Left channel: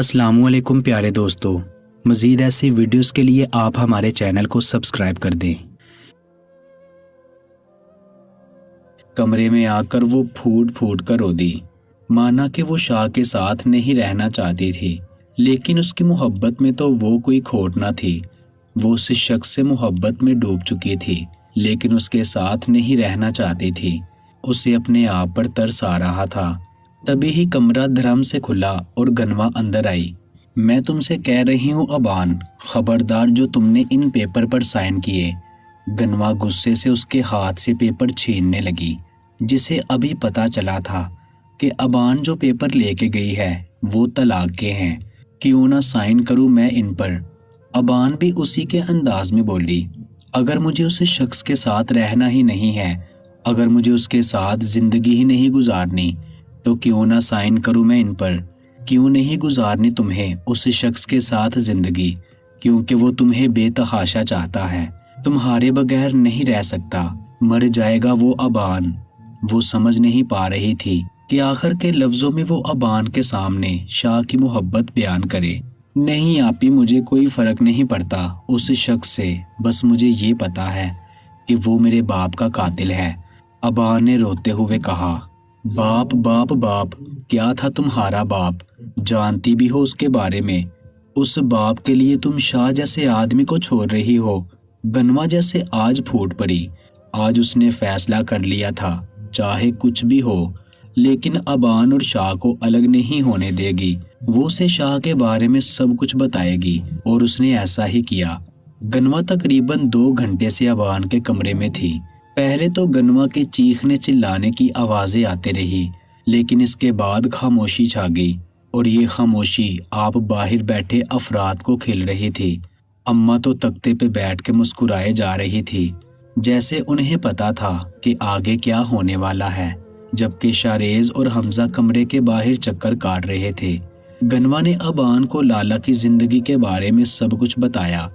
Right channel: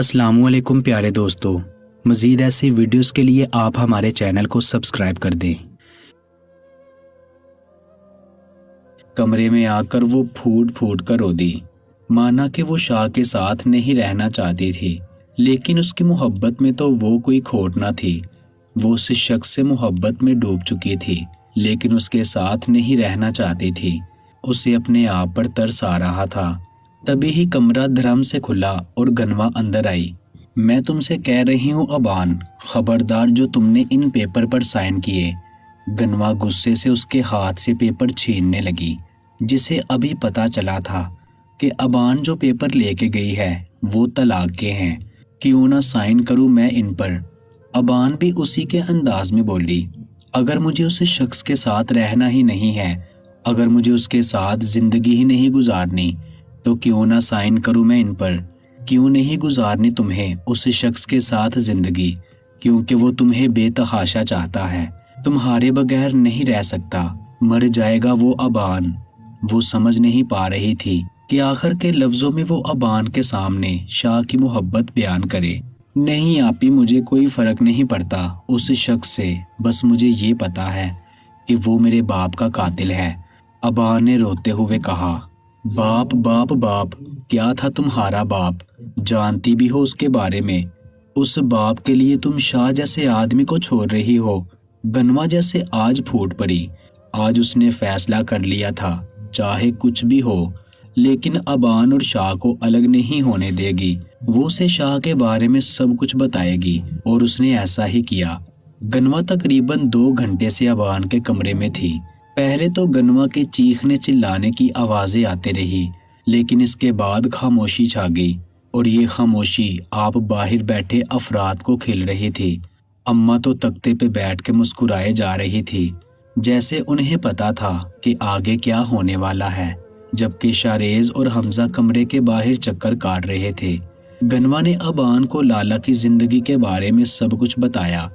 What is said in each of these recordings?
السلام علیکم پیارے دوستو، مزید ایسی ویڈیوز کے لیے آپ ہمارے چینل کو سبسکرائب کر دیں۔ کمرے میں آ کر وہ پھوٹ پھوٹ کر رو دی، مانا کہ وہ شاہ کے ساتھ نہیں رہنا چاہتی تھی، لیکن اس کی محبت میں تو وہ کوئی کھوٹ نہ تھی۔ وہ اس شخص سے محبت میں ڈوب چکی تھی، لیکن اس کے ساتھ نہیں رہنا چاہتی تھی۔ اسے اپنے آپ پر ترس آ رہا تھا۔ تبھی ہی کمرہ دھڑام سے کھلا اور گنوا اندر آئی۔ میں تم سے کہہ رہی ہوں ابان، خبردار جو تم نے ان پیپر پر سائن کیے۔ گنوا غصے سے اس کے ہاتھ سے پیپر چھیننے لگی، جسے ابھی پتا چلا تھا کہ ابان جو پیپر لے کے گئی ہے وہ طلاق کے ہیں، کیوں نہ سائن کروں میں ان پر۔ ابان بھی اسی کے انداز میں بولی، اگر مجھے اس شخص کے ساتھ رہنا ہی نہیں ہے، اگر مجھے اس کے ساتھ زندگی ہی نہیں گزارنی، تو کیوں نہ سائن کروں میں ان پر۔ کیوں نہیں گزارنی تمہیں اس شخص کے ساتھ زندگی؟ کیونکہ وہ تمہیں بے تحاشا چاہتا ہے، تمہارے بغیر نہیں رہ سکتا، مر جائے گا وہ ابان۔ وہ سمجھ نہیں پا رہی تھی کہ آخر کے لفظوں میں وہ ابان کے سامنے شاہ کی محبت بیان کرے۔ نہیں آپی، مجھے کوئی فرق نہیں پڑتا اس شخص سے، بس مجھے یہ پتا ہے کہ وہ میرے باپ کا قاتل ہے، ابان نے روتے ہوئے کہا۔ باپ باپ باپ، کیا تھا تمہارا باپ؟ جانتی بھی ہو اس کے بارے میں؟ اس باپ کے لیے تم شاہ جیسے آدمی کو چھوڑ رہی ہو؟ گنوا جیسے آج پھوٹ پڑی۔ آج اس نے فیصلہ کر لیا تھا، چاہے کچھ بھی ہو، لیکن ابان اور شاہ کو الگ نہیں ہونے دے گی۔ وہ اسے شاہ کے بارے میں سب کچھ بتائے گی، اور اس نے ایسا ہی کیا۔ گنوا تقریباً 2 گھنٹے سے ابان کے کمرے میں تھی۔ پہلے تو گنوا کے چیخنے چلانے کی آوازیں آتے رہی، لیکن اس کے بعد خاموشی چھا گئی، اور یہ خاموشی آپ باہر بیٹھے افراد کو کھل رہی تھی۔ اماں تو تختے پہ بیٹھ کے مسکرائے جا رہی تھی، جیسے انہیں پتا تھا کہ آگے کیا ہونے والا ہے، جبکہ شاریز اور حمزہ کمرے کے باہر چکر کاٹ رہے تھے۔ گنوا نے ابان کو لالا کی زندگی کے بارے میں سب کچھ بتایا،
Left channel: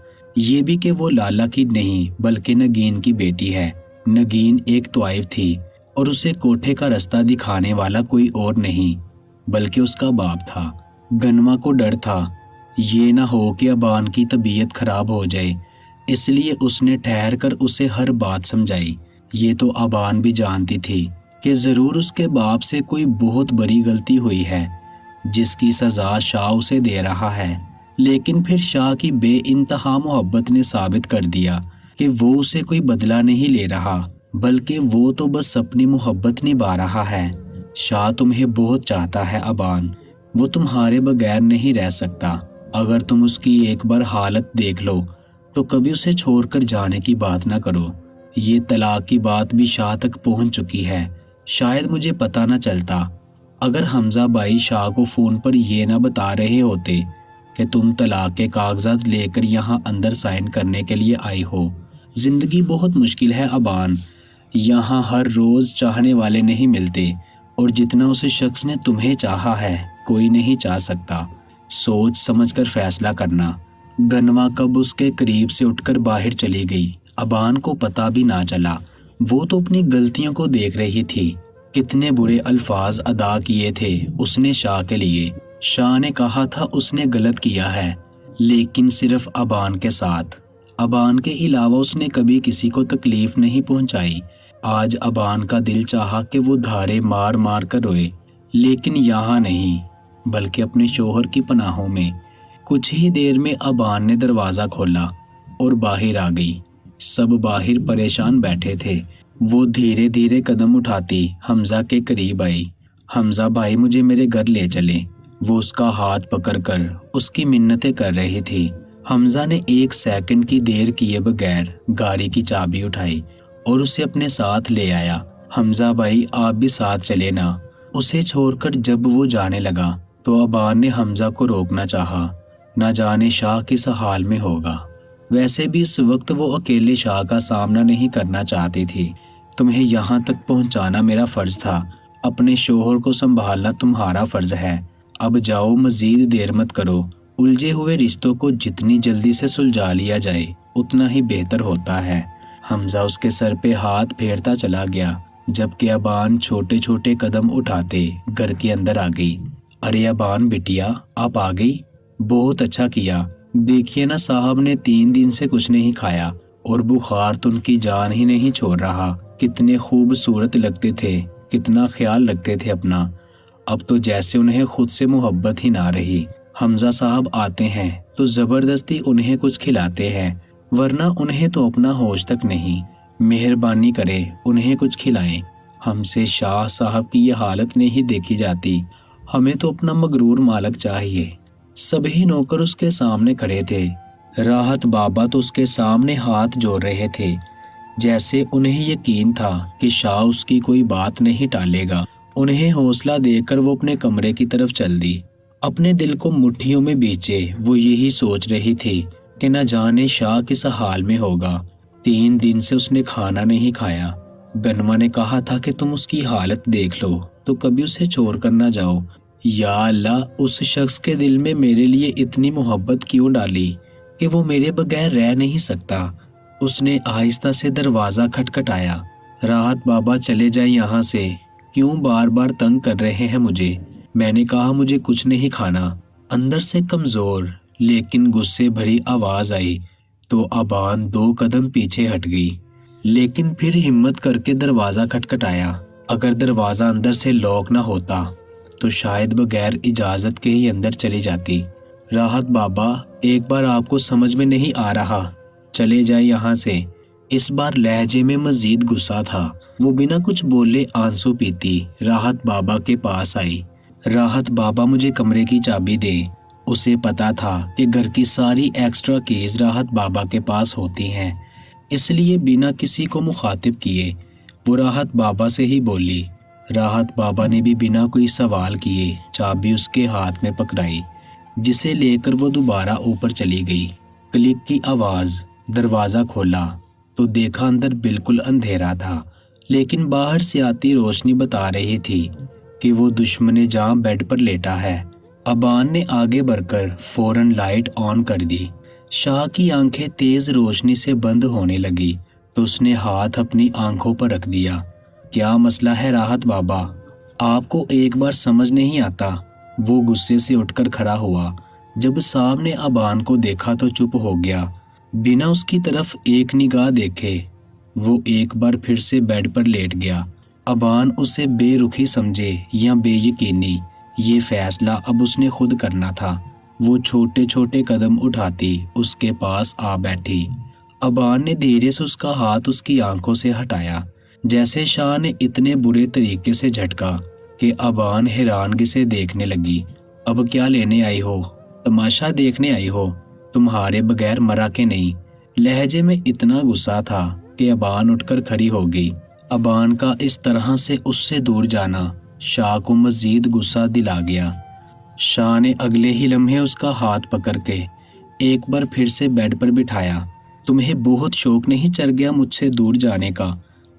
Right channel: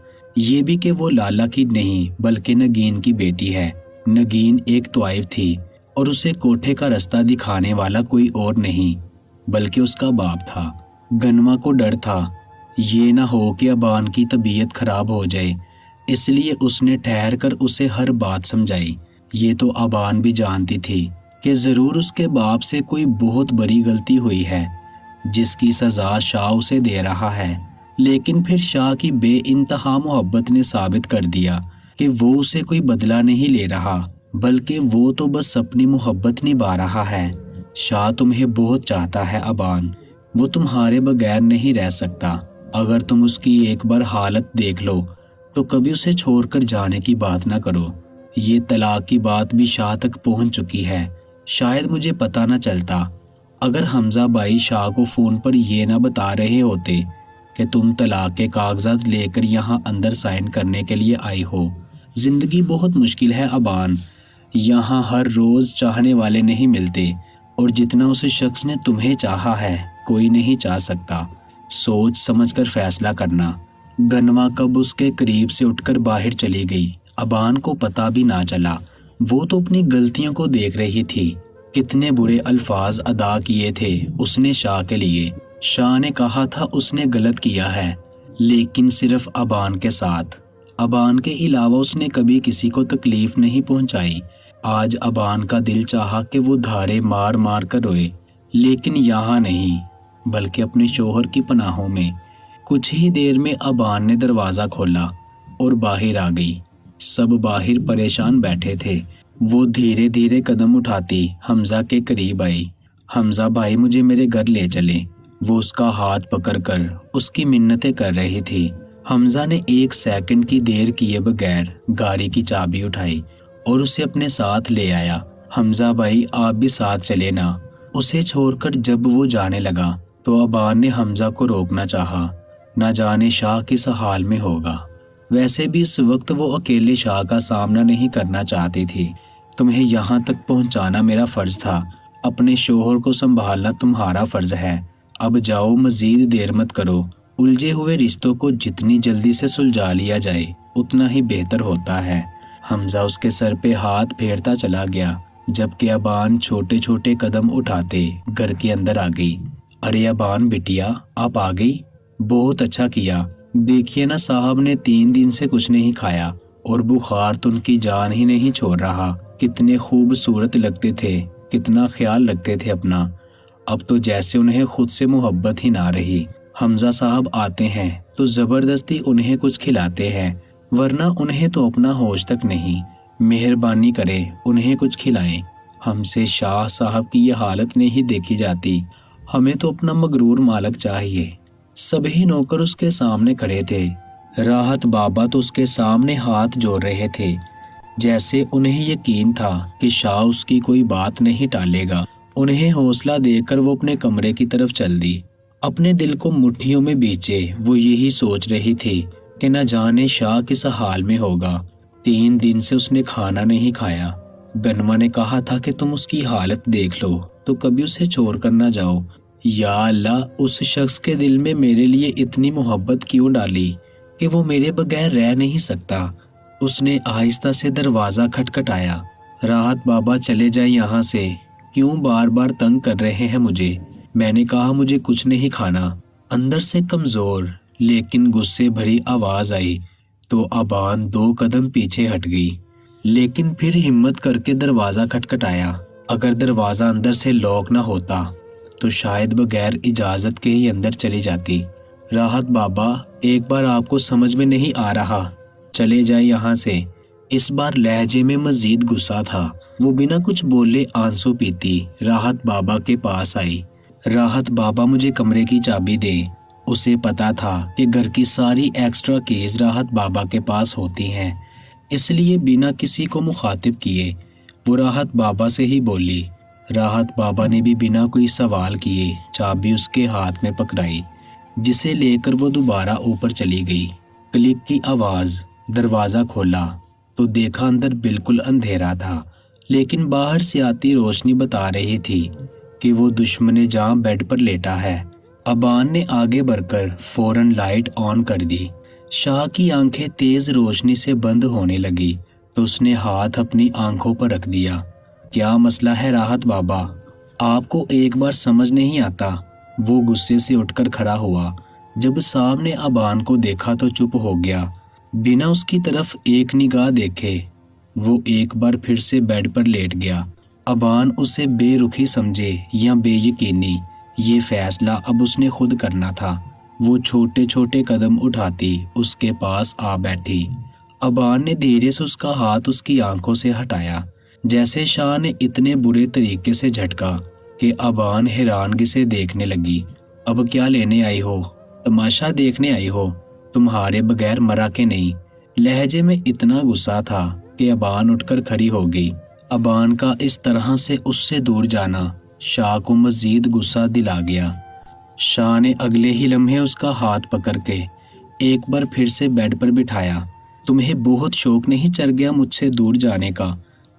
یہ بھی کہ وہ لالا کی نہیں بلکہ نگین کی بیٹی ہے۔ نگین ایک طوائف تھی، اور اسے کوٹھے کا رستہ دکھانے والا کوئی اور نہیں بلکہ اس کا باپ تھا۔ گنوا کو ڈر تھا یہ نہ ہو کہ ابان کی طبیعت خراب ہو جائے، اس لیے اس نے ٹھہر کر اسے ہر بات سمجھائی۔ یہ تو ابان بھی جانتی تھی کہ ضرور اس کے باپ سے کوئی بہت بڑی غلطی ہوئی ہے، جس کی سزا شاہ اسے دے رہا ہے، لیکن پھر شاہ کی بے انتہا محبت نے ثابت کر دیا کہ وہ اسے کوئی بدلہ نہیں لے رہا، بلکہ وہ تو بس اپنی محبت نبھا رہا ہے۔ شاہ تمہیں بہت چاہتا ہے ابان، وہ تمہارے بغیر نہیں رہ سکتا۔ اگر تم اس کی ایک بار حالت دیکھ لو تو کبھی اسے چھوڑ کر جانے کی بات نہ کرو۔ یہ طلاق کی بات بھی شاہ تک پہنچ چکی ہے، شاید مجھے پتا نہ چلتا اگر حمزہ بھائی شاہ کو فون پر یہ نہ بتا رہے ہوتے کہ تم طلاق کے کاغذات لے کر یہاں اندر سائن کرنے کے لیے آئی ہو۔ زندگی بہت مشکل ہے ابان، یہاں ہر روز چاہنے والے نہیں ملتے، اور جتنا اس شخص نے تمہیں چاہا ہے کوئی نہیں چاہ سکتا۔ سوچ سمجھ کر فیصلہ کرنا۔ گنوا کب اس کے قریب سے اٹھ کر باہر چلی گئی، ابان کو پتا بھی نہ چلا۔ وہ تو اپنی غلطیوں کو دیکھ رہی تھی۔ کتنے برے الفاظ ادا کیے تھے اس نے شاہ کے لیے۔ شاہ نے کہا تھا اس نے غلط کیا ہے، لیکن صرف ابان کے ساتھ۔ ابان کے علاوہ اس نے کبھی کسی کو تکلیف نہیں پہنچائی۔ آج ابان کا دل چاہا کہ وہ دھارے مار مار کر روئے، لیکن یہاں نہیں بلکہ اپنے شوہر کی پناہوں میں۔ کچھ ہی دیر میں ابان نے دروازہ کھولا اور باہر آ گئی۔ سب باہر پریشان بیٹھے تھے۔ وہ دھیرے دھیرے قدم اٹھاتی حمزہ کے قریب آئی۔ حمزہ بھائی مجھے میرے گھر لے چلے۔ وہ اس کا ہاتھ پکڑ کر اس کی منتیں کر رہی تھی۔ حمزہ نے 1 سیکنڈ کی دیر کیے بغیر گاڑی کی چابی اٹھائی اور اسے اپنے ساتھ لے آیا۔ حمزہ بھائی آپ بھی ساتھ چلے نا۔ اسے چھوڑ کر جب وہ جانے لگا تو ابان نے حمزہ کو روکنا چاہا، نہ جانے شاہ کس حال میں ہوگا۔ ویسے بھی اس وقت وہ اکیلے شاہ کا سامنا نہیں کرنا چاہتی تھی۔ تمہیں یہاں تک پہنچانا میرا فرض تھا، اپنے شوہر کو سنبھالنا تمہارا فرض ہے۔ اب جاؤ، مزید دیر مت کرو۔ الجھے ہوئے رشتوں کو جتنی جلدی سے سلجھا لیا جائے اتنا ہی بہتر ہوتا ہے۔ حمزہ اس کے سر پہ ہاتھ پھیرتا چلا گیا، جبکہ ابان چھوٹے چھوٹے قدم اٹھاتے گھر کے اندر آ گئی۔ अरे अबान बिटिया, आप आ गई, बहुत अच्छा किया। देखिए ना, साहब ने 3 दिन से कुछ नहीं खाया और बुखार तो उनकी जान ही नहीं छोड़ रहा। कितने खूबसूरत लगते थे, कितना ख्याल रखते थे अपना। अब तो जैसे उन्हें खुद से मोहब्बत ही ना रही। हमजा साहब आते हैं तो जबरदस्ती उन्हें कुछ खिलाते हैं, वरना उन्हें तो अपना होश तक नहीं। मेहरबानी करें, उन्हें कुछ खिलाएं। हमसे शाह साहब की ये हालत नहीं देखी जाती। हमें तो अपना मगरूर मालक चाहिए। सभी नौकर उसके सामने खड़े थे। राहत बाबा तो उसके सामने हाथ जोड़ रहे थे, जैसे उन्हें यकीन था कि शाह उसकी कोई बात नहीं टालेगा। उन्हें हौसला देकर वो अपने कमरे की तरफ चल दी। अपने दिल को मुट्ठियों में बींचे वो यही सोच रही थी कि न जाने शाह किस हाल में होगा। 3 दिन से उसने खाना नहीं खाया। गनमा ने कहा था कि तुम उसकी हालत देख लो तो कभी उसे छोड़ कर ना जाओ। या अल्लाह, उस शख्स के दिल में मेरे लिए इतनी मोहब्बत क्यों डाली कि वो मेरे बगैर रह नहीं सकता। उसने आहिस्ता से दरवाजा खटखटाया। राहत बाबा, चले जाएं यहाँ से, क्यों बार बार तंग कर रहे हैं मुझे। मैंने कहा मुझे कुछ नहीं खाना। अंदर से कमजोर लेकिन गुस्से भरी आवाज आई तो अबान 2 कदम पीछे हट गई, लेकिन फिर हिम्मत करके दरवाजा खटखटाया। अगर दरवाजा अंदर से लॉक ना होता तो शायद बगैर इजाजत के ही अंदर चली जाती। राहत बाबा, एक बार आपको समझ में नहीं आ रहा, चले जाए यहाँ से। इस बार लहजे में मजीद गुस्सा था। वो बिना कुछ बोले आंसू पीती राहत बाबा के पास आई। राहत बाबा, मुझे कमरे की चाबी दे। उसे पता था कि घर की सारी एक्स्ट्रा कीज राहत बाबा के पास होती हैं, इसलिए बिना किसी को मुखातिब किए वो राहत बाबा से ही बोली। राहत बाबा ने भी बिना कोई सवाल किए चाबी उसके हाथ में पकड़ाई, जिसे लेकर वो दोबारा ऊपर चली गई। क्लिक की आवाज। दरवाजा खोला तो देखा अंदर बिल्कुल अंधेरा था, लेकिन बाहर से आती रोशनी बता रही थी कि वो दुश्मन जान बेड पर लेटा है। अबान ने आगे बढ़कर फौरन लाइट ऑन कर दी। शाह की आंखें तेज रोशनी से बंद होने लगी तो उसने हाथ अपनी आंखों पर रख दिया। क्या मसला है राहत बाबा, आपको एक बार समझ नहीं आता। वो गुस्से से उठकर खड़ा हुआ। जब साहब ने अबान को देखा तो चुप हो गया, बिना उसकी तरफ एक निगाह देखे। वो एक बार फिर से बेड पर लेट गया। अबान उसे बेरुखी समझे या बेयकीनी, ये फैसला अब उसने खुद करना था। वो छोटे छोटे कदम उठाती उसके पास आ बैठी। अबान ने धीरे से उसका हाथ उसकी आंखों से हटाया, जैसे शाह ने इतने बुरे तरीके से झटका कि अबान हैरानगी से देखने लगी। अब क्या लेने आई हो? तमाशा देखने आई हो? तुम्हारे बगैर मरा के नहीं। लहजे में इतना गुस्सा था कि अबान उठकर खड़ी हो गई। अबान का इस तरह से उससे दूर जाना शाह को मजीद गुस्सा दिला गया। शाह ने अगले ही लम्हे उसका हाथ पकड़ के एक बार फिर से बेड पर बिठाया। तुम्हें बहुत शौक नहीं चढ़ गया मुझसे दूर जाने का?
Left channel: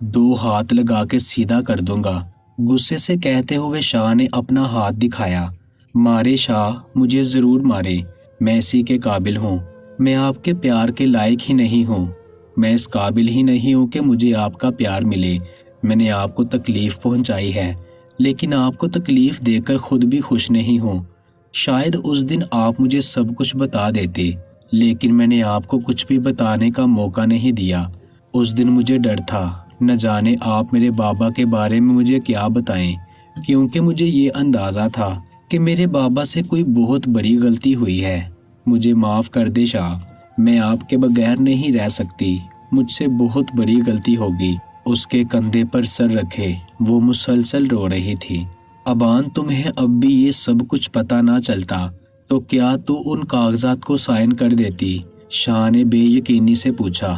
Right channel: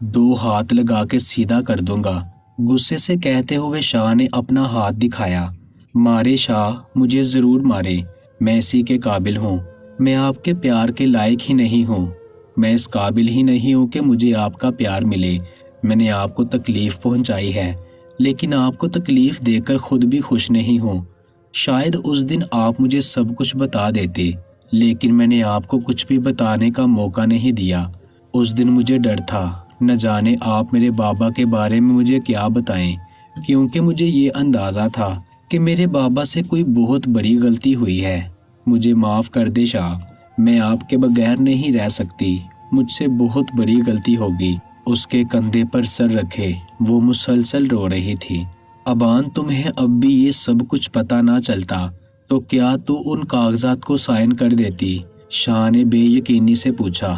2 हाथ लगा के सीधा कर दूंगा, गुस्से से कहते हुए शाह ने अपना हाथ दिखाया। मारे शाह, मुझे जरूर मारे, मैं इसी के काबिल हूँ। मैं आपके प्यार के लायक ही नहीं हूँ। मैं इस काबिल ही नहीं हूँ कि मुझे आपका प्यार मिले। मैंने आपको तकलीफ पहुँचाई है, लेकिन आपको तकलीफ देकर खुद भी खुश नहीं हूँ। शायद उस दिन आप मुझे सब कुछ बता देते, लेकिन मैंने आपको कुछ भी बताने का मौका नहीं दिया। उस दिन मुझे डर था, न जाने आप मेरे बाबा के बारे में मुझे क्या बताएं, क्योंकि मुझे ये अंदाज़ा था कि मेरे बाबा से कोई बहुत बड़ी गलती हुई है। मुझे माफ़ कर दे शाह, मैं आपके बगैर नहीं रह सकती। मुझसे बहुत बड़ी गलती होगी। उसके कंधे पर सर रखे वो मुसलसल रो रही थी। अबान, तुम्हें अब भी ये सब कुछ पता ना चलता तो क्या तू उन कागजात को साइन कर देती? शाह ने बेयकीनी से पूछा,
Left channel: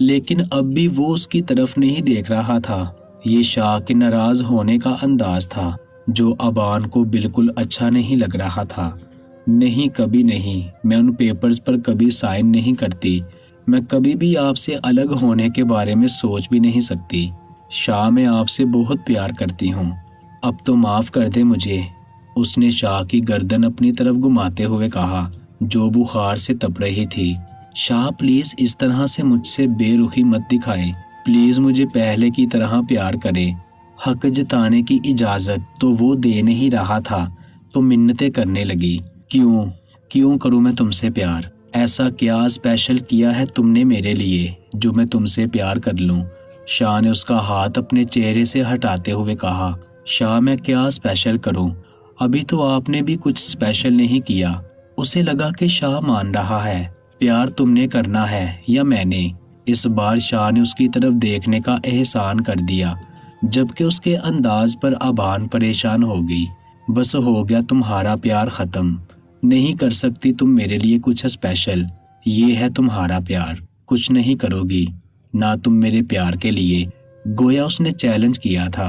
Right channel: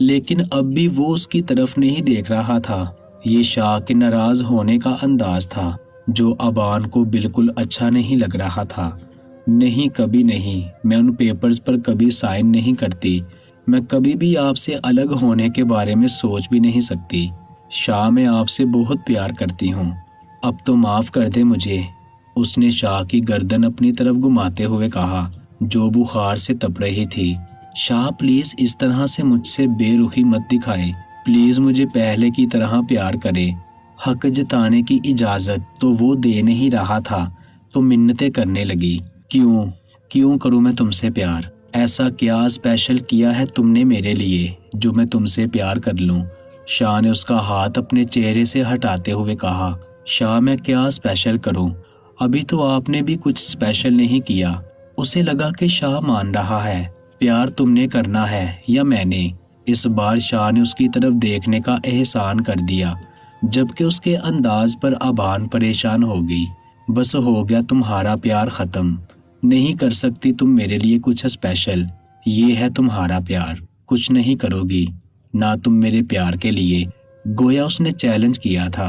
लेकिन अब भी वो उसकी तरफ नहीं देख रहा था। ये शाह के नाराज होने का अंदाज था जो अबान को बिल्कुल अच्छा नहीं लग रहा था। नहीं, कभी नहीं, मैं उन पेपर्स पर कभी साइन नहीं करती। मैं कभी भी आपसे अलग होने के बारे में सोच भी नहीं सकती। शाह, मैं आपसे बहुत प्यार करती हूँ, अब तो माफ़ कर दे मुझे। उसने शाह की गर्दन अपनी तरफ घुमाते हुए कहा, जो बुखार से तप रही थी। शाह, प्लीज़ इस तरह से मुझसे बेरुखी मत दिखाएं। प्लीज़ मुझे पहले की तरह प्यार करें। हक जताने की इजाज़त तो वो दे नहीं रहा था, तो मिन्नतें करने लगी, क्यों क्यों करूं मैं तुमसे प्यार? ऐसा क्या स्पेशल किया है तुमने मेरे लिए जो मैं तुमसे प्यार कर लूं? शाह ने उसका हाथ अपने चेहरे से हटाते हुए कहा, शाह मैं क्या स्पेशल करूं? अभी तो आपने भी कुछ स्पेशल नहीं किया। उसे लगा कि शाह मान रहा है। प्यार तुमने करना है या मैंने? इस बार शाह ने उसकी तरफ देखने का एहसान कर दिया, जबकि उसके अंदाज पर अबान परेशान हो गई। बस हो गया तुम्हारा प्यार खत्म। नहीं कर सकती तुम मेरे लिए कुछ स्पेशल। ये है तुम्हारा प्यार, कुछ नहीं करोगी ना तुम मेरे प्यार के लिए। गोया उसने चैलेंज किया था।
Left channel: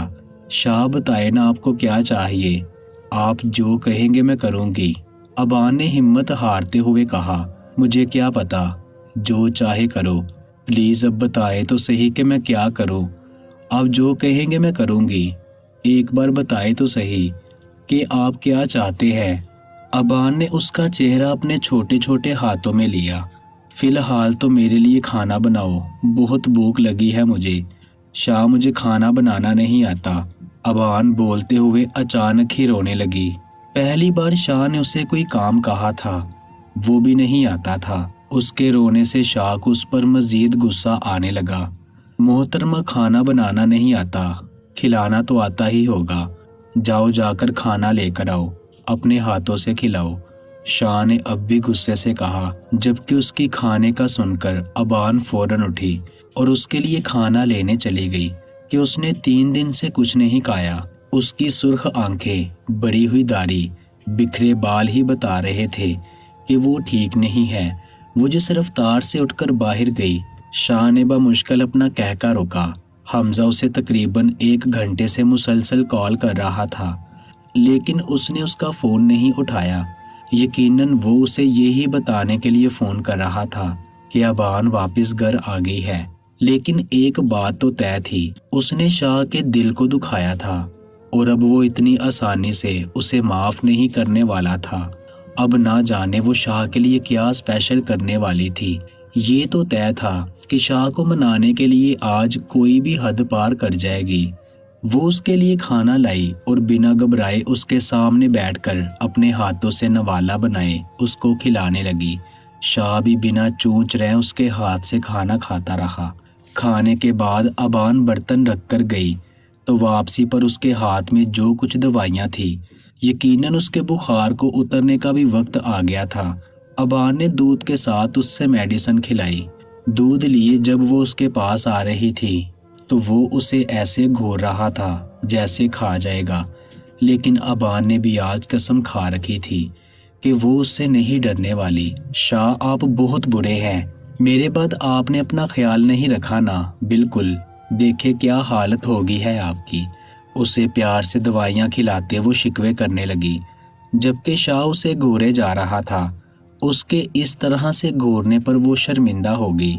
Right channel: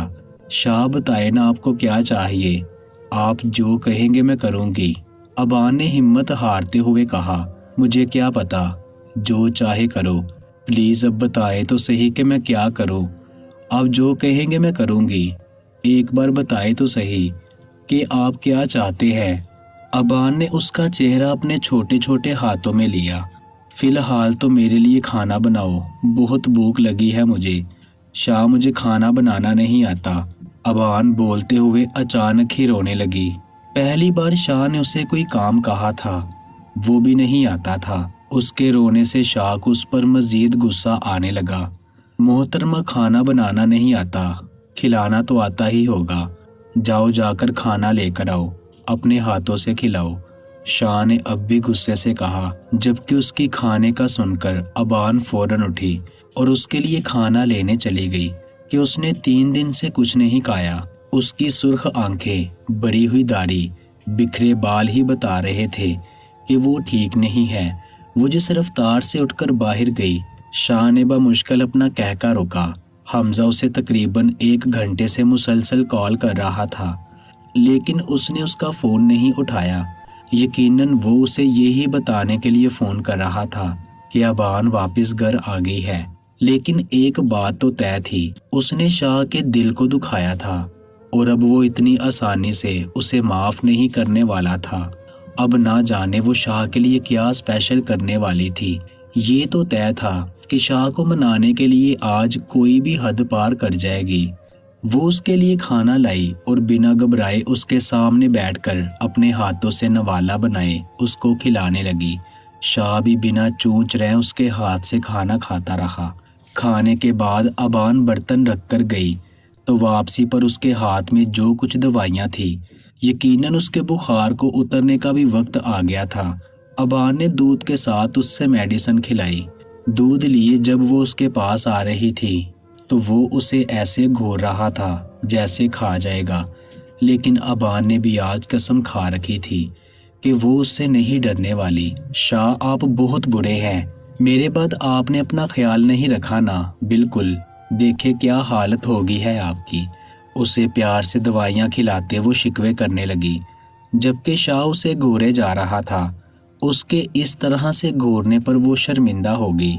शाह बताए ना आपको क्या चाहिए? आप जो कहेंगे मैं करूंगी। अबान ने हिम्मत हारते हुए कहा, मुझे क्या पता, जो चाहे करो। प्लीज अब बताएं तो सही कि मैं क्या करूं। आप जो कहेंगे मैं करूंगी। एक बार बताए तो सही कि आप क्या चाहते हैं। अबान ने उसका चेहरा अपने छोटे छोटे हाथों में लिया। फिलहाल तो मेरे लिए खाना बनाओ, बहुत भूख लगी है मुझे। शाह मुझे खाना बनाना नहीं आता। अबान बोलते हुए अचानक ही रोने लगी। पहली बार शाह ने उसे कोई काम कहा था, वो भी नहीं आता था। उसके रोने से शाह को उस पर मजीद गुस्सा आने लगा। मोहतरमा खाना बनाना नहीं आता, खिलाना तो आता ही होगा। जाओ जाकर खाना लेकर आओ, अपने हाथों से खिलाओ। शाह ने अब भी गुस्से से कहा, जबकि उसकी खाने का सुनकर अबान फौरन उठी और उसके लिए खाना लेने चली गई कि उसने 3 दिन से कुछ नहीं खाया। उसकी सुर्ख आंखें, बड़ी हुई दाढ़ी, बिखरे बाल ही बता रहे थे कि वो ठीक नहीं है। वो जिस रफ्तार से उठकर बाहर गई, शाह ने बमुश्किल अपना कहका रोका। हमजा उसे तकरीबन 1 घंटे से मुसलसल कॉल कर रहा था, लेकिन उसने उसका फ़ोन नहीं उठाया। यकीनन वो उसे यही बताने के लिए फ़ोन कर रहा था कि अबान वापस घर आ गई है। लेकिन एक बात तो तय थी, उसने शाह के दिल को दुखाया था और अब वो इतनी आसानी से उसे माफ़ नहीं करने वाला था। अब ना जाने वो शाह के लिए क्या स्पेशल करने वाली थी। ये तो तय था कि शाह को मनाने के लिए आज कोई भी हद पार कर जाएगी। वो उसके लिए खाना लाई और बिना घबराए उसके सामने बैठकर अपने हाथों से नवाला बनाए उसको खिलाने लगी। शाह भी बिना चूंच रहे उसके हाथ से खाना खाता रहा। खाने के बाद अबान बर्तन रखकर गई तो वापसी पर उसके हाथ में जो कुछ दवाइयाँ थी, यकीनन उसके बुखार को उतरने का भी वक्त आ गया था। अबान ने दूध के साथ उससे मेडिसिन खिलाई। दूध लिए जब वो उसके पास आ रही थी तो वो उसे ऐसे घूर रहा था जैसे खा जाएगा। लेकिन अबान ने भी आज कसम खा रखी थी कि वो उससे नहीं डरने वाली। शाह आप बहुत बुरे हैं, मेरे बाद आपने अपना ख्याल नहीं रखा ना। बिल्कुल, देखे क्या हालत होगी है आपकी। उसे प्यार से दवाइयाँ खिलाते वो शिकवे करने लगी, जबकि शाह उसे घूरे जा रहा था। उसके इस तरह से घूरने पर वो शर्मिंदा हो गई।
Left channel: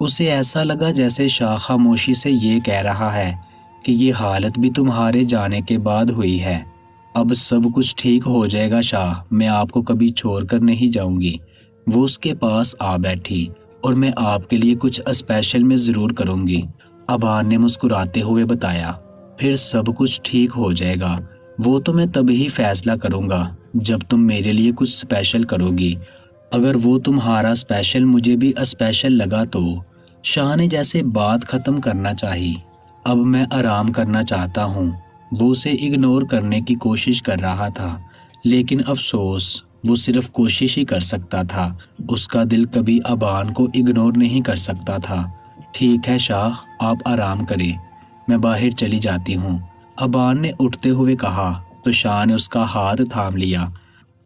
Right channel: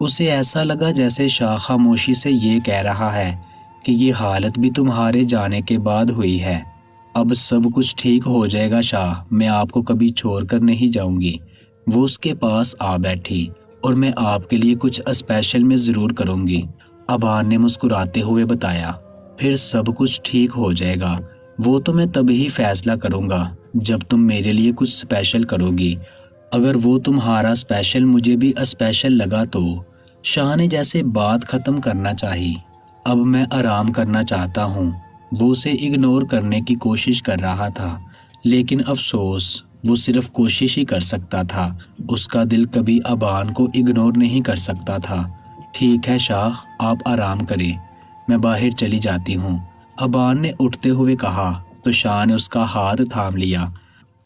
उसे ऐसा लगा जैसे शाह खामोशी से ये कह रहा है कि ये हालत भी तुम्हारे जाने के बाद हुई है। अब सब कुछ ठीक हो जाएगा शाह, मैं आपको कभी छोड़कर नहीं जाऊंगी। वो उसके पास आ बैठी, और मैं आपके लिए कुछ स्पेशल में ज़रूर करूंगी, अबान ने मुस्कुराते हुए बताया। फिर सब कुछ ठीक हो जाएगा। वो तो मैं तभी फैसला करूंगा जब तुम मेरे लिए कुछ स्पेशल करोगी। अगर वो तुम्हारा स्पेशल मुझे भी स्पेशल लगा तो। शाह ने जैसे बात खत्म करना चाही। अब मैं आराम करना चाहता हूँ। वो उसे इग्नोर करने की कोशिश कर रहा था, लेकिन अफसोस वो सिर्फ कोशिश ही कर सकता था। उसका दिल कभी अबान को इग्नोर नहीं कर सकता था। ठीक है शाह, आप आराम करें, मैं बाहर चली जाती हूँ, अबान ने उठते हुए कहा तो शाह ने उसका हाथ थाम लिया।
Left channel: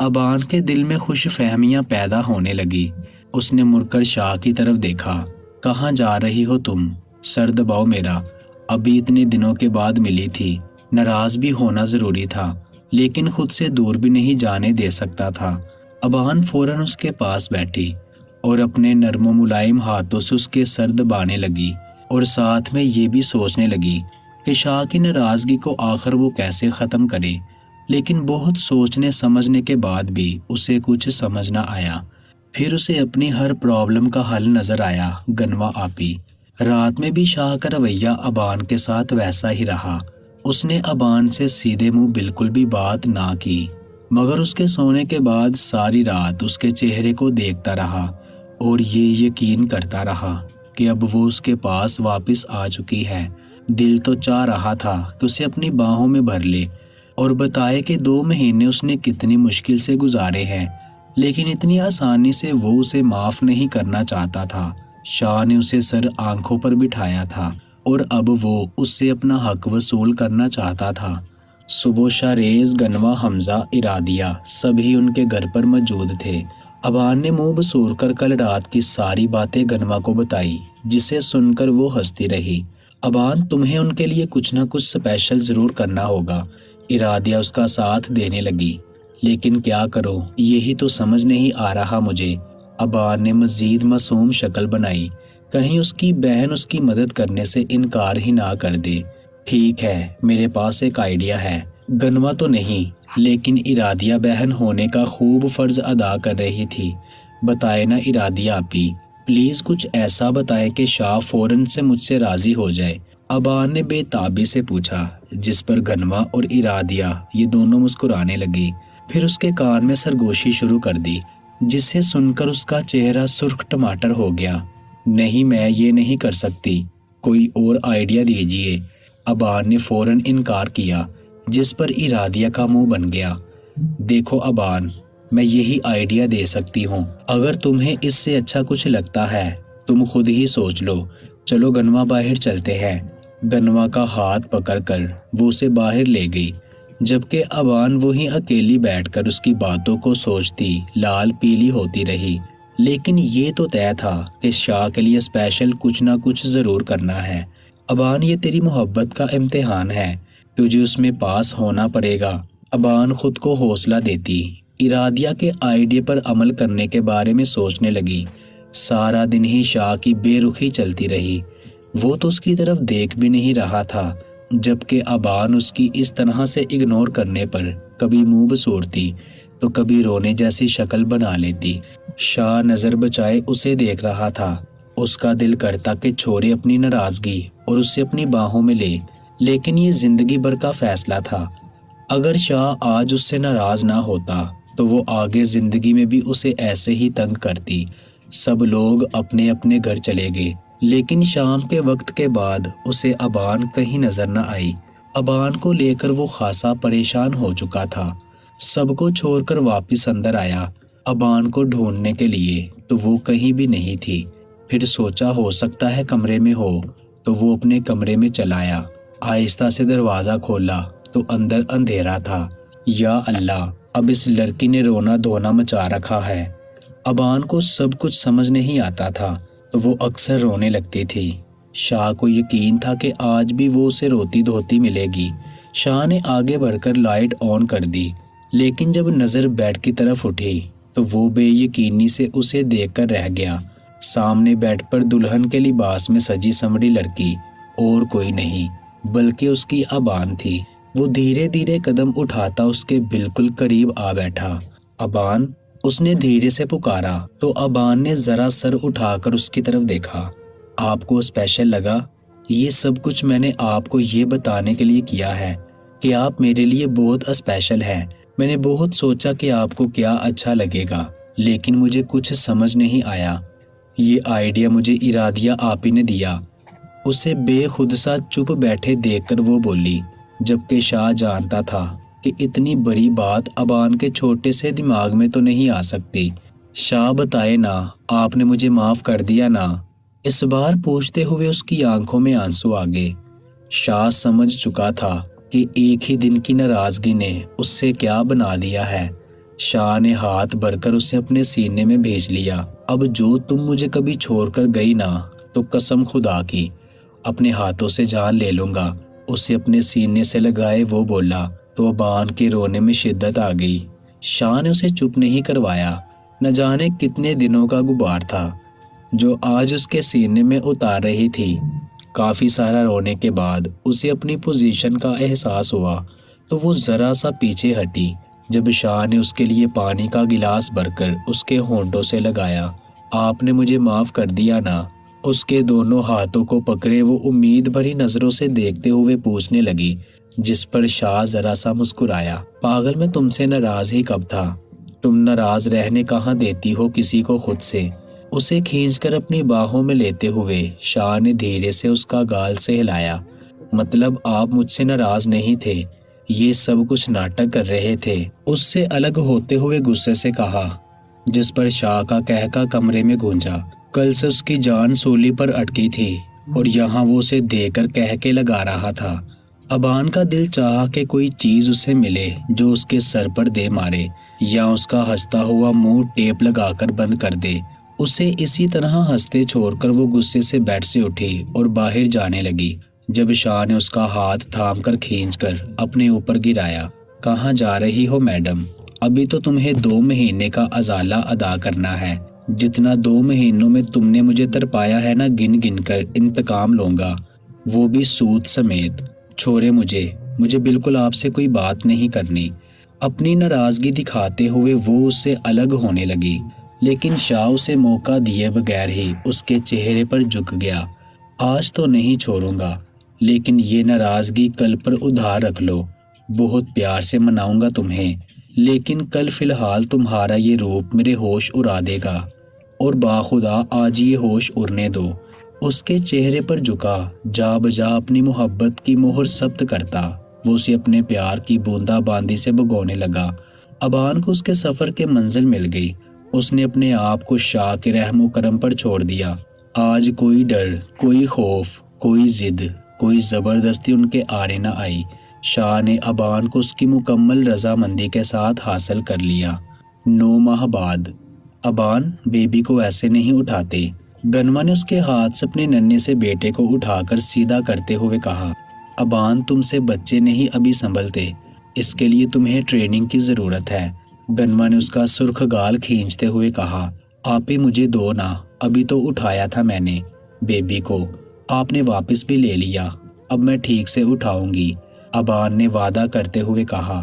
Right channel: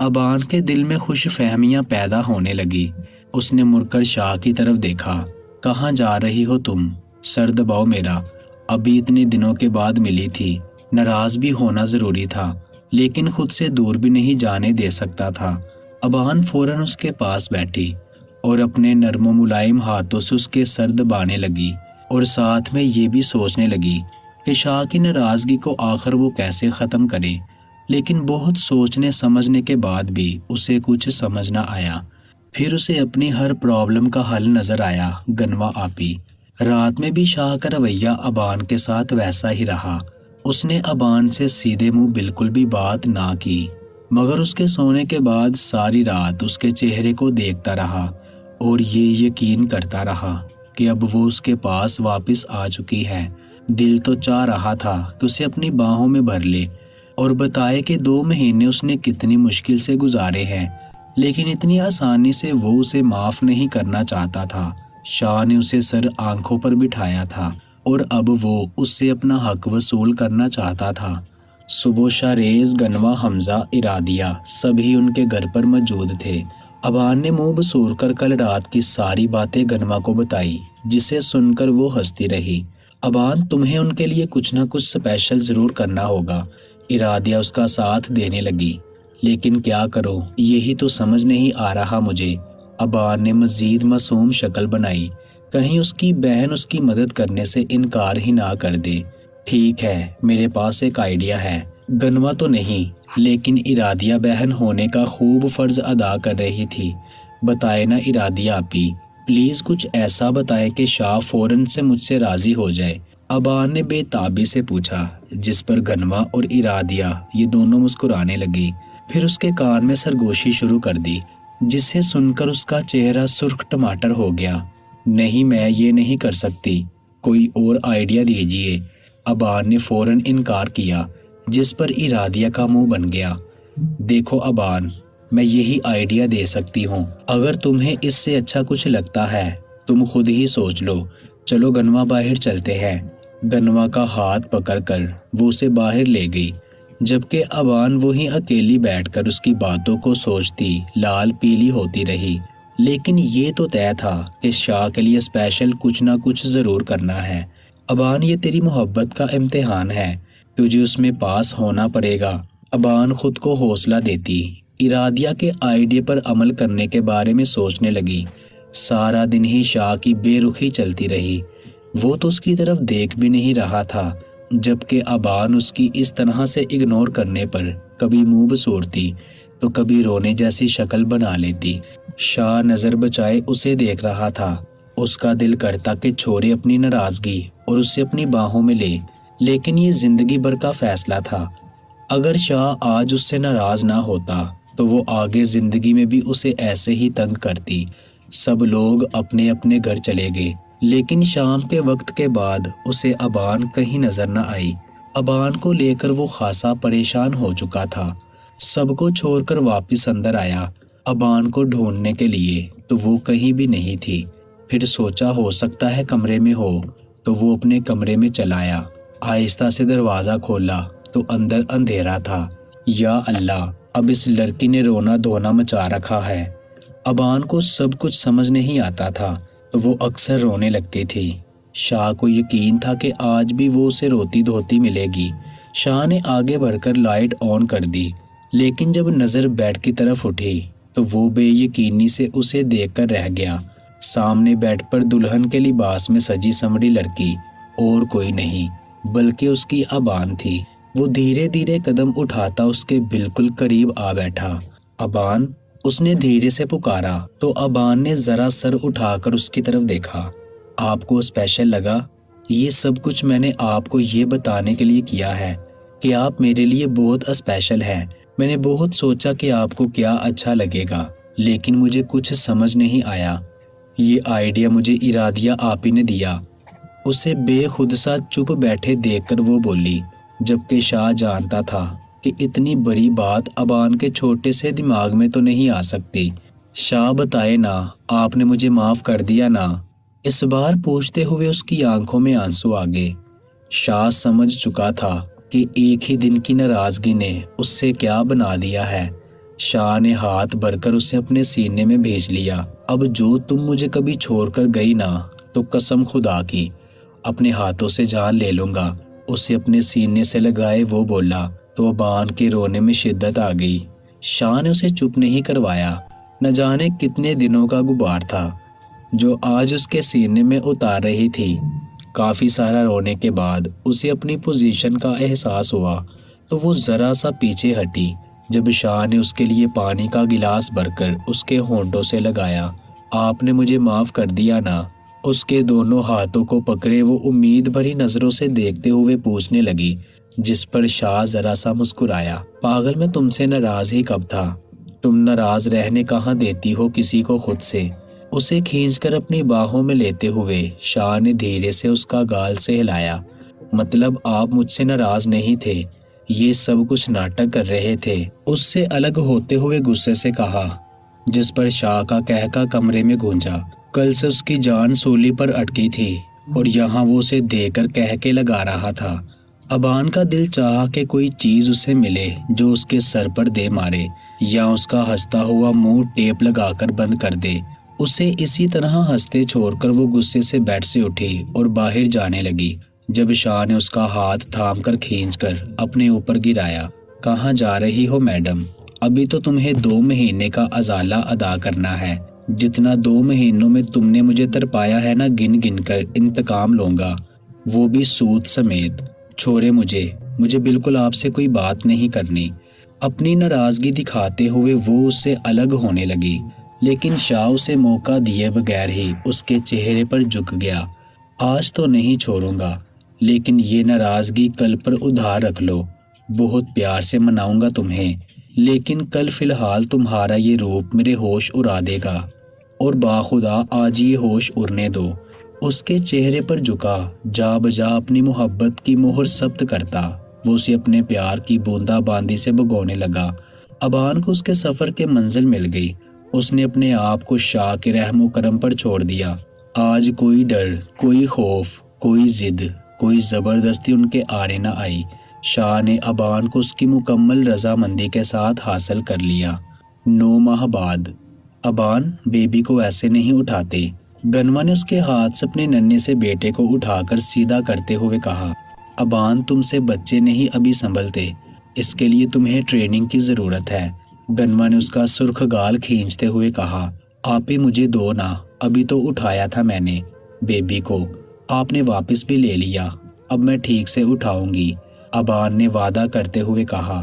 अबान के दिल में खुश फहमियाँ पैदा होने लगी। उसने मुड़कर शाह की तरफ देखा। कहाँ जा रही हो तुम? सर दबाओ मेरा, अभी इतने दिनों के बाद मिली थी। नाराज भी होना जरूरी था, लेकिन खुद से दूर भी नहीं जाने दे सकता था। अबान फौरन उसके पास बैठी और अपने नर्म मुलायम हाथों से उसके सर दबाने लगी, और साथ में ये भी सोचने लगी कि शाह की नाराजगी को आखिर वो कैसे ख़त्म करे। लेकिन बहुत सोचने समझने के बाद भी उसे कुछ समझ न आया। फिर उसे अपनी हर प्रॉब्लम का हल नजर आया, गनवा आपी। रात में भी शाह का रवैया अबान के साथ वैसा ही रहा। उसने अबान से सीधे मुंह बिल्कुल भी बात ना की। मगर उसके सोने के बाद सारी रात उसके चेहरे को देखता रहा और ये यकीन करता रहा कि अब वो उसके पास वापस आ चुकी है। दिल तो चाह रहा था कि उसे अपनी बाहों में भर ले और बताए कि 2 महीने उसने कितनी मुश्किल से गुजारे हैं, लेकिन इतनी आसानी से वो उसे माफ नहीं करना चाहता था। शाह ने उसे सर आंखों पर बिठाया था और अब वो उससे अपना हक वसूल करना चाहता था। सुबह शारेज, गनवा, हमजा, इरादिया सभी उनके घर पर मौजूद थे। अबान ने मुंह बसूर कर कल रात की सारी बातें गनवा को बताई, जिसे सुनकर वो हंसती रही। अबान, तुम्हें उनके लिए कुछ ना कुछ स्पेशल जरूर करना होगा। इरादिया उसका साथ देने लगी। लेकिन क्या करो, यही तो समझ नहीं आ रहा मुझे। अबान ने मजीद मासूम शक्ल बनाई, कहीं उसकी बहन उसकी मदद करने से इनकार ही ना कर दे। ठीक है, मेरे पास एक आइडिया है। गनवा तो नहीं, लेकिन इरादिया बहन होने का खूब फर्ज अदा कर रही थी। बताए ना इरादिया आपी, प्लीज कुछ ऐसा बताएं कि शाह फौरन से मुझसे राजी हो जाए। अबान ने बेताबी से पूछा, जिस पर गनवा और इरादिया ये दोनों मुस्कुराने लगी। फिर उसके कान में सरगोशी शुरू कर दी, जिसे सुनकर उसका चेहरा सुर्ख टमाटर हो गया। नहीं, मैं ये नहीं कर सकती, कोई और आइडिया दीजिए। अबान ने फौरन इनकार किया, जिस पर इरादिया का मुंह बन गया। देखो अबान, मैं यही आइडिया दे सकती हूँ, अगर तुम्हें इससे अच्छा कुछ लगता है तुम खुद ही सोच लो। चलो गनवा, बाहर चलते हैं। गनवा का हाथ पकड़कर वो उसे बाहर ले गई, जबकि अबान वहीं अकेली बैठकर उसकी बातों को सोचती लाल पीली होती रही। लेकिन ये तो तय था कि शाह के लिए स्पेशल कुछ ना कुछ जरूर करना है। अबान, ये तेरी मोहब्बत का इम्तिहान है, तुझे उसमें पास होना पड़ेगा। अबान खुद को हौसला देती इरादिया के आइडिया पर अमल करने के बारे में सोचने लगी। सारा दिन ही शाह की बेरुखी चलती रही। वो तो उसकी तरफ देख भी नहीं रहा था, जबकि अबान उसकी इस तरह से इग्नोर करने पर कभी मुंह बसोड़ती तो कभी रोने जैसी शक्ल बना लेती। शाह नजर बचाए उसे देख रहा था। उसका दिल करता कि छोड़े अपनी नाराजगी और उसे अपनी बाहों में ले, लेकिन ये जिंदगी भर का फैसला था। अगर शाह आज उससे नाराज ना होता तो वो आगे जिंदगी में भी उसे ऐसे ही तंग करती। सब लोग अपने अपने घर चले गए, लेकिन शाम के वक्त के बाद उसे अबान कहीं नजर न आई। अबान को लेकर वो खासा परेशान हो चुका था। सबको छोड़कर वापस अंदर आया अबान को ढूंढने के लिए, तो वो कहीं भी नहीं थी। फिर सोचा हो सकता है कमरे में हो, तो वो अपने कमरे में चला आया। आहिस्ता से दरवाजा खोला तो अंदर अंधेरा था। या अल्लाह, अब इस लड़की ने रोना धोना मचा रखा है। अबान को सब कुछ समझ नहीं आता था, तो वो अक्सर रोने लगती थी। शाह को यकीन था कि आज भी वो उसे रोती धोती मिलेगी। शाह ने आगे बढ़कर लाइट ऑन कर दी, लेकिन जब नजर बेड की तरफ उठी तो वो बेयकीनी से उसे देखकर रह गया। सामने बेड पर दुल्हन के लिबास में सजी संवरी लड़की और कोई नहीं बल्कि उसकी अबान थी। वो धीरे धीरे कदम उठाता उसके बिल्कुल करीब आ बैठा। अबान, उसने धीरे से पुकारा तो अबान ने जरा सर उठाकर उसकी तरफ देखा। आपको स्पेशल लगा? ये सब कुछ मैंने आपको ये बताने के लिए किया है कि आप मेरे लिए बहुत स्पेशल हैं। मैंने बहुत सोचा कि आपको क्या अच्छा लगेगा, लेकिन मुझे कुछ समझ नहीं आया। ये आइडिया मुझे इरादिया आप ही ने दिया। उसे बेखुद सा चुप बैठे देखकर वो बोली, जबकि शाह जानता था कि इतनी बड़ी बात अबान के छोटे से दिमाग में तो नहीं आ सकती। शाह, बताए ना, आपने मुझे माफ कर दिया ना? इस बार पूछते हुए उसकी आंखों में आंसू आ गए। शाह समझ चुका था कि एक ही दिन की नाराजगी ने उससे क्या बना दिया है। शाह ने हाथ भरकर उसे अपने सीने में भेज लिया। अब जो तुम मुझे कभी छोड़कर गई ना, तो कसम खुदा की अपने हाथों से जान ले लूंगा। उसे अपने सीने से लगाए वो बोला तो अबान के रोने में शिद्दत आ गई। शाह ने उसे चुप नहीं करवाया। न जाने कितने दिनों का गुबार था जो आज उसके सीने में उतार रही थी। काफी सारा रोने के बाद उसे अपनी पोजीशन का एहसास हुआ तो वो जरा सा पीछे हटी जब शाह ने उसके लिए पानी का गिलास भरकर उसके होंठों से लगाया। आपने मुझे माफ कर दिया ना? उसके दोनों हाथों को पकड़े वो उम्मीद भरी नजरों से देखते हुए पूछने लगी। जिस पर शाह जरा सा मुस्कुराया। पागल, मैं तुमसे नाराज ही कब था? तुम नाराज रहने कहाँ देती हो किसी को खुद से। उसे खींचकर अपनी बाहों में लेते हुए शाह ने धीरे से उसका गाल से हिलाया। मतलब आप मुझसे नाराज नहीं थे, ये सब कुछ नाटक कर रहे थे, उससे अलग होते हुए गुस्से से कहा। जिस पर शाह का कहका कमरे में गूंजा। कल से उसकी जान सूली पर अटकी थी और यहाँ वो उसे देकर कह के लगा रहा था। अबान का दिल चाहा कि कोई चीज उसे मिले जो उसके सर पर दे मारे या उसका हंसता हुआ मुंह टेप लगाकर बंद कर दे। उसे इसी तरह हंसते छोड़कर वो गुस्से से बेड से उठी और बाहर जाने लगी, जब शाह ने उसका हाथ थामकर खींचकर अपने ऊपर गिराया। कहाँ जा रही हो मैडम? अभी तो तुम्हें 2 महीने का अजाला अदा करना है। जितना 2 महीनों में तुमने मुझे तरपाया है ना, गिन गिन कर इंतकाम लूंगा, वो भी सूद समेत। छोड़े मुझे बिल्कुल आपसे कोई बात नहीं करनी। अपनी नाराजगी दिखाते हुए वो उससे अलग होने लगी, लेकिन शाह उसे मौका दिए बगैर ही उसके चेहरे पर झुक गया। आज तो नहीं छोड़ूंगा, लेकिन ये नाराजगी कल पर उधार रख लो। बहुत प्यार से मनाऊंगा तुम्हें, लेकिन कल फिलहाल तुम्हारा ये रूप मेरे होश उड़ा देगा और बाखुदा आज ये होश उड़ने दो। उसके चेहरे पर झुका, जा बजा अपनी मोहब्बत की मोहर सख्त करता वो उसे अपने प्यार की बूंदा बांदी से भगोने लगा। अबान को उसके सफर के मंजिल मिल गई। उसने अपने आप को शाह के रहमो करम पर छोड़ दिया। आज कोई डर, कोई खौफ, कोई जिद, कोई जबरदस्ती उनके आड़े न आई। शाह ने अबान को उसकी मुकम्मल रजामंदी के साथ हासिल कर लिया। 9 माह बाद। अबान, बेबी को ऐसे नहीं उठाते। गनवा ने उसके हाथ से अपने नन्हे से बेटे को उठाकर सीधा करते हुए कहा। अबान, तुमसे बच्चे नहीं अभी संभलते, इसके लिए तुम्हें ट्रेनिंग की जरूरत है। गनवा ने उसका सुर्ख गाल खींचते हुए कहा। आप ही मुझे दो ना, अभी तो उठाया था मैंने बेबी को, आपने वापस भी ले लिया, अब मैं ठीक से उठाऊंगी। अबान ने वादा करते हुए कहा।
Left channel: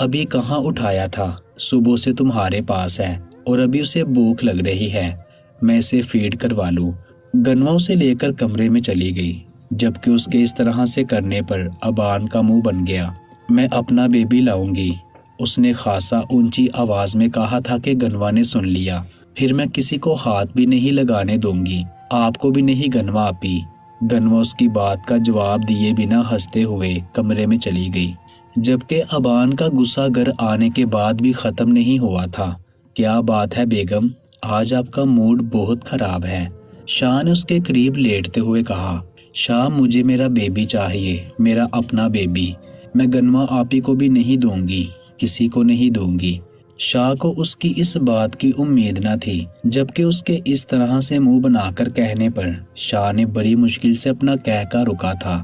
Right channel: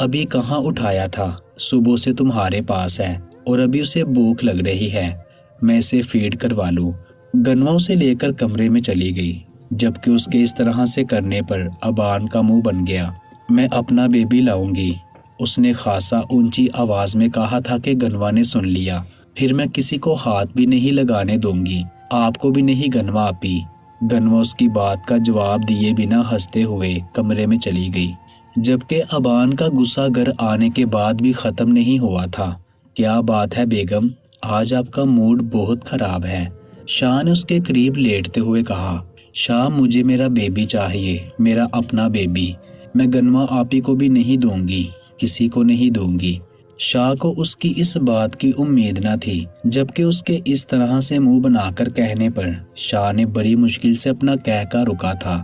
अभी कहाँ उठाया था, सुबह से तुम्हारे पास है और अभी उसे भूख लग रही है, मैं इसे फीड करवा लूं। गनवा उसे लेकर कमरे में चली गई, जबकि उसके इस तरह से करने पर अबान का मुंह बन गया। मैं अपना बेबी लाऊंगी, उसने खासा ऊंची आवाज में कहा था कि गनवा ने सुन लिया। फिर मैं किसी को हाथ भी नहीं लगाने दूंगी, आपको भी नहीं गनवा आपी। गनवा उसकी बात का जवाब दिए बिना हंसते हुए कमरे में चली गई, जबकि अबान का गुस्सा घर आने के बाद भी खत्म नहीं हुआ था। क्या बात है बेगम, आज आपका मूड बहुत खराब है, शाह ने उसके करीब लेटते हुए कहा। शाह, मुझे मेरा बेबी चाहिए, मेरा अपना बेबी। मैं गनवा आपी को भी नहीं दूंगी, किसी को नहीं दूंगी। शाह को उसकी इस बात की उम्मीद न थी, जबकि उसके इस तरह से मुंह बनाकर कहने पर शाह ने बड़ी मुश्किल से अपना कहका रुका था।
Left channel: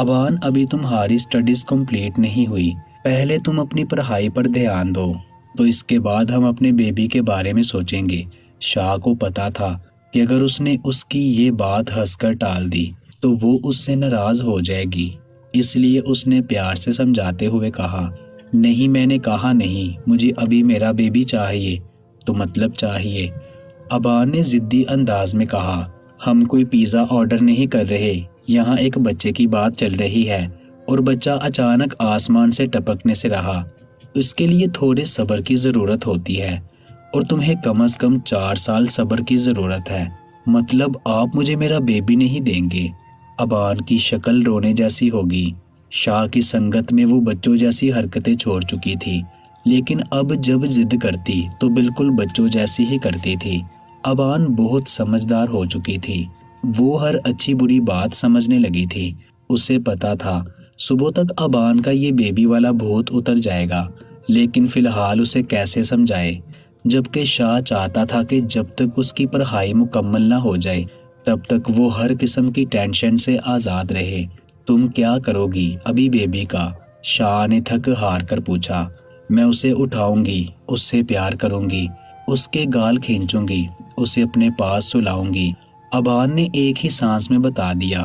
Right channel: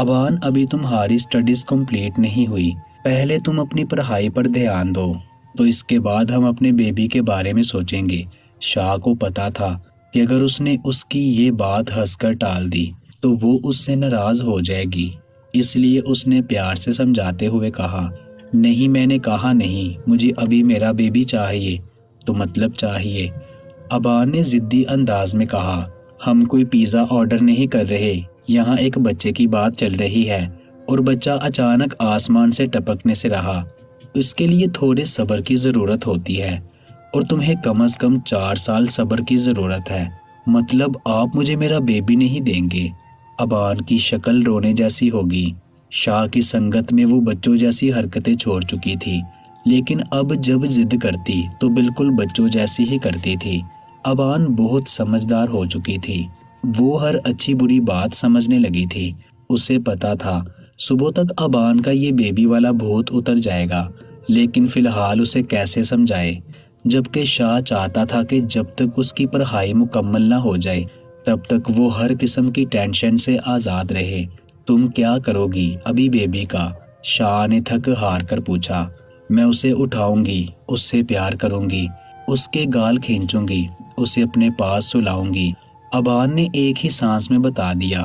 अबान, अभी तुम्हारी स्टडीज कंप्लीट नहीं हुई, पहले तुम अपनी पढ़ाई पर ध्यान दो, तो इसके बाद हम अपने बेबी के बारे में सोचेंगे। शाह को पता था कि अगर उसने उसकी ये बात हंसकर टाल दी तो वो उससे नाराज हो जाएगी, इसलिए उसने प्यार से समझाते हुए कहा। नहीं, मैंने कहा नहीं, मुझे अभी मेरा बेबी चाहिए, तो मतलब चाहिए। अबान ने जिद्दी अंदाज में कहा। हम कोई पिज्जा ऑर्डर नहीं कर रहे, यहाँ एक बच्चे की बात चल रही है और बच्चा अचानक आसमान से टपकने से रहा, इसके लिए थोड़े सब्र की जरूरत होती है और तुम्हें कम से कम 4 साल सब्र की जरूरत है। मतलब आप मुझे मेरा बेबी नहीं देंगे? अबान की शक्ल रोने जैसी होगी। शाह की संगत में वो बच्चों जैसी हरकतें छोड़ चुकी थी, लेकिन अब जब जिद करती तो बिल्कुल बच्चों जैसी ही करती थी। अबान बहुत समझदार हो चुकी थी, वो हर अच्छी बुरी बात समझने लगी थी। उसे पता था सुबह तक अबान का ये बेबी वाला भूत उतर जाएगा, लेकिन फिलहाल उसे कैसे समझाए, जबकि शाह चाहता था कि जब तक उसकी पढ़ाई मुकम्मल ना हो जाए तब तक वो हर किस्म की टेंशन से आज़ाद रहे। तुम क्या करोगी अभी बेबी का? शाह ने थक हार कर पूछा। मैं उसे उठाऊंगी, उससे प्यार करूंगी, उसके गाल खींचूंगी, उसे अपने पास सुलाऊंगी। अबान ने एक ही सांस में बता दिया।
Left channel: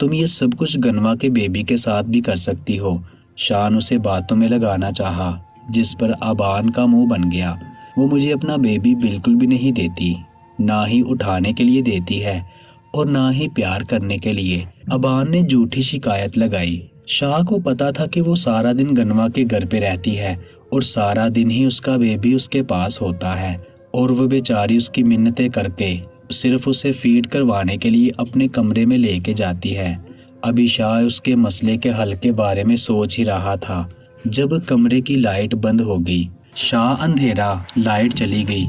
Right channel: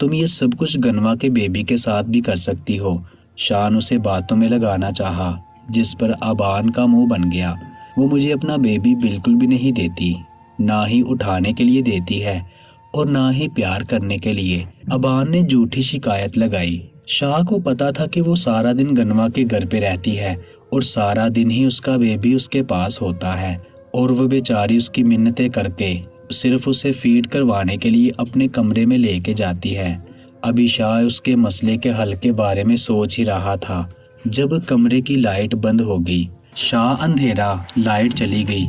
तुम ये सब कुछ गनवा के बेबी के साथ भी कर सकती हो। शाह ने उसे बातों में लगाना चाहा, जिस पर अबान का मुंह बन गया। वो मुझे अपना बेबी बिल्कुल भी नहीं देती, ना ही उठाने के लिए देती है और ना ही प्यार करने के लिए। अबान ने झूठी शिकायत लगाई। शाह को पता था कि वो सारा दिन गनवा के घर पे रहती है और सारा दिन ही उसका बेबी उसके पास होता है, और वो बेचारी उसकी मिन्नतें करके सिर्फ उसे फीड करवाने के लिए अपने कमरे में लेके जाती है। अभी शाह उसके मसले के हल के बारे में सोच ही रहा था जब कमरे की लाइट बंद हो गई। शाह, अंधेरा, लाइट चली गई,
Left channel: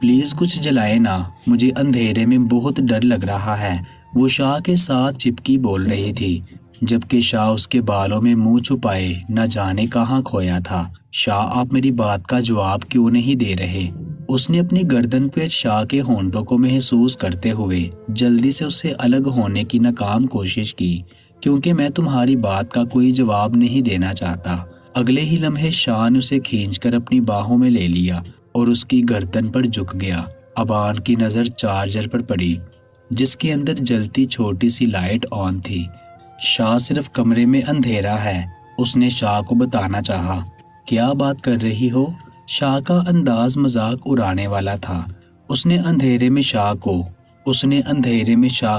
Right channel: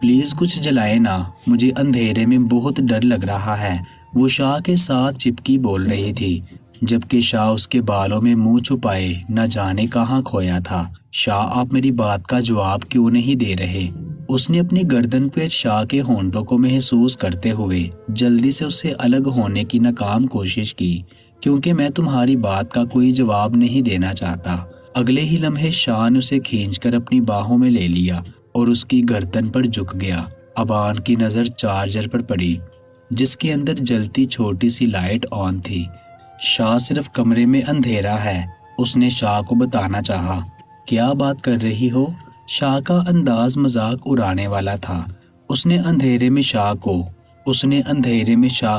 प्लीज कुछ जलाए ना, मुझे अंधेरे में बहुत डर लग रहा है, वो शाह के साथ चिपकी बोल रही थी, जबकि शाह उसके बालों में मुंह छुपाए न जाने कहाँ खोया था। शाह, आप मेरी बात का जवाब क्यों नहीं दे रहे? उसने अपनी गर्दन पर शाह के होंठों को महसूस करते हुए जल्दी से उससे अलग होने की नाकाम कोशिश की, क्योंकि मैं तुम्हारी बात का कोई जवाब नहीं देना चाहता। अगले ही लम्हे शाह ने उसे खींचकर अपनी बाहों में ले लिया और उसकी गर्दन पर झुक गया। अबान की नजर चार्जर पर पड़ी जिसके अंदर जलती छोटी सी लाइट ऑन थी। शाह, सिर्फ कमरे में अंधेरा है, उसने शाह को बताना चाहा। क्या बात कर रही हो? शाह का अंदाज मजाक उड़ाने वाला था। उसने अंधेरे में शाह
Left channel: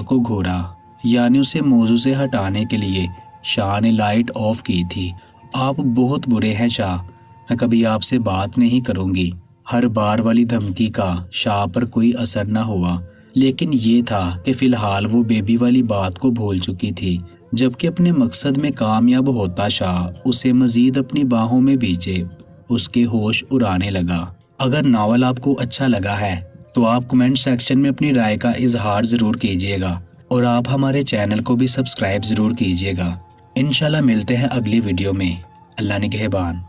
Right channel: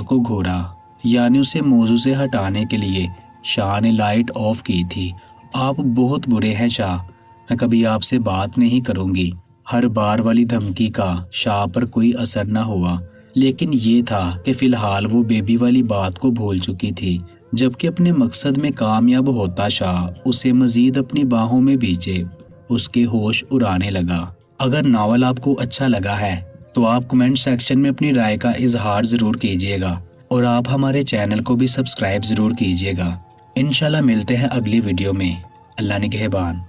को घूरा, यानी उसे मौजू से हटाने के लिए। शाह ने लाइट ऑफ की थी। आप बहुत बुरे हैं शाह, मैं कभी आपसे बात नहीं करूंगी। हर बार वाली धमकी का शाह पर कोई असर न हुआ, लेकिन ये था कि फिलहाल वो बेबी वाली बात को भूल चुकी थी। जबकि अपने मकसद में कामयाब होता शाह उसे मजीद अपनी बाहों में भींचे उसके होश उड़ाने लगा। अगर नावल आपको अच्छा लगा है तो आप कमेंट सेक्शन में अपनी राय का इजहार ज़रूर कीजिएगा और आप हमारे चैनल को भी सब्सक्राइब ज़रूर कीजिएगा। इंशाल्लाह मिलते हैं अगली वीडियो में। अल्लाह निगहबान।